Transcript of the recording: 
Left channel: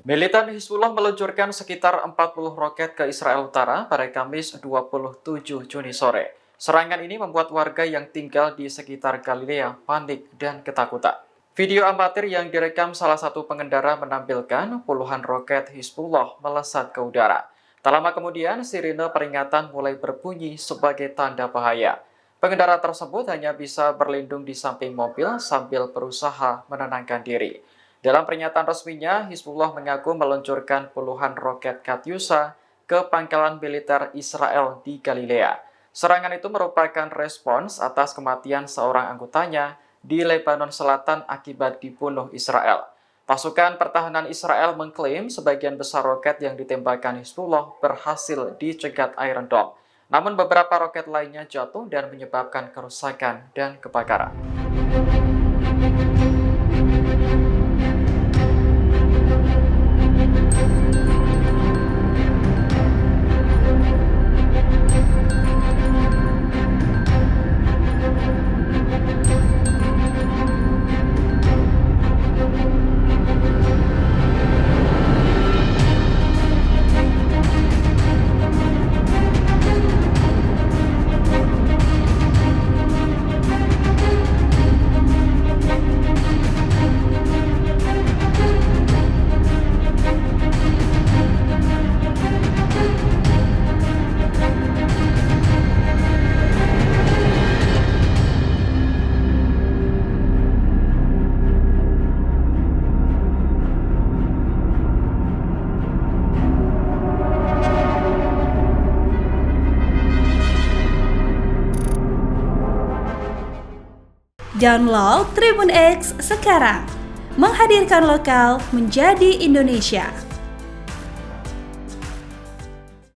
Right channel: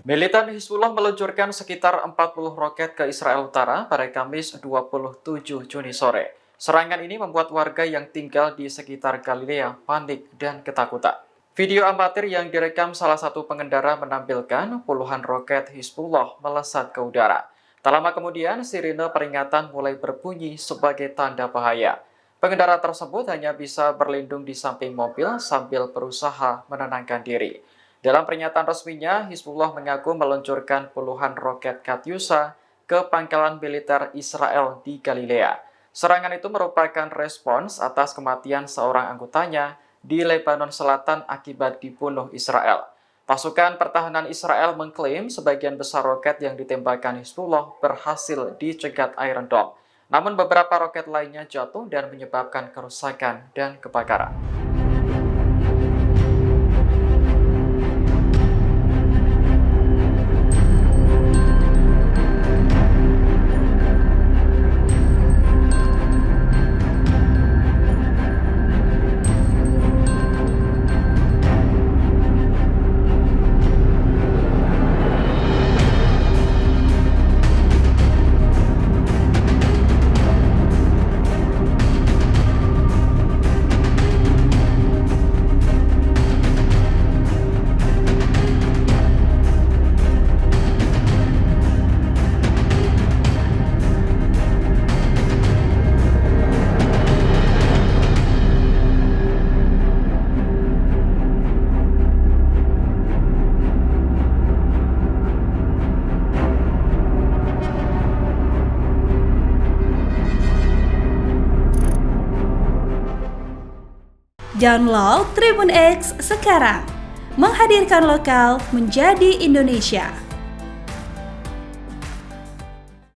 Militan Hizbullah meluncurkan sekitar 40 roket ke Israel Utara pada Kamis 27 Juni sore. Serangan ini membuat warga yang tinggal di sekitar Galilea panik dan ketakutan. Video amatir yang direkam salah satu pengendara menampilkan puluhan roket Hizbullah melesat ke udara. Tak lama kemudian, sirine peringatan mulai berbunyi sebagai tanda bahaya. Pengendara tersebut hanya bisa berlindung di samping mobil sambil berusaha menenangkan diri. Dalam pernyataan resminya, Hizbullah mengaku meluncurkan puluhan roket Katyusha ke pangkalan militer Israel di Galilea. Serangan itu merupakan respons atas kematian seorang anggotanya di Lebanon Selatan akibat dibunuh Israel. Pasukan pertahanan Israel mengklaim sebagian besar roket yang ditembakkan Hizbullah berhasil dicegat Iron Dome. Namun beberapa roket lainnya jatuh dan menyebabkan kerusakan dan kebakaran. Download Tribun X sekarang, menghadirkan lokal menjadi Indonesia.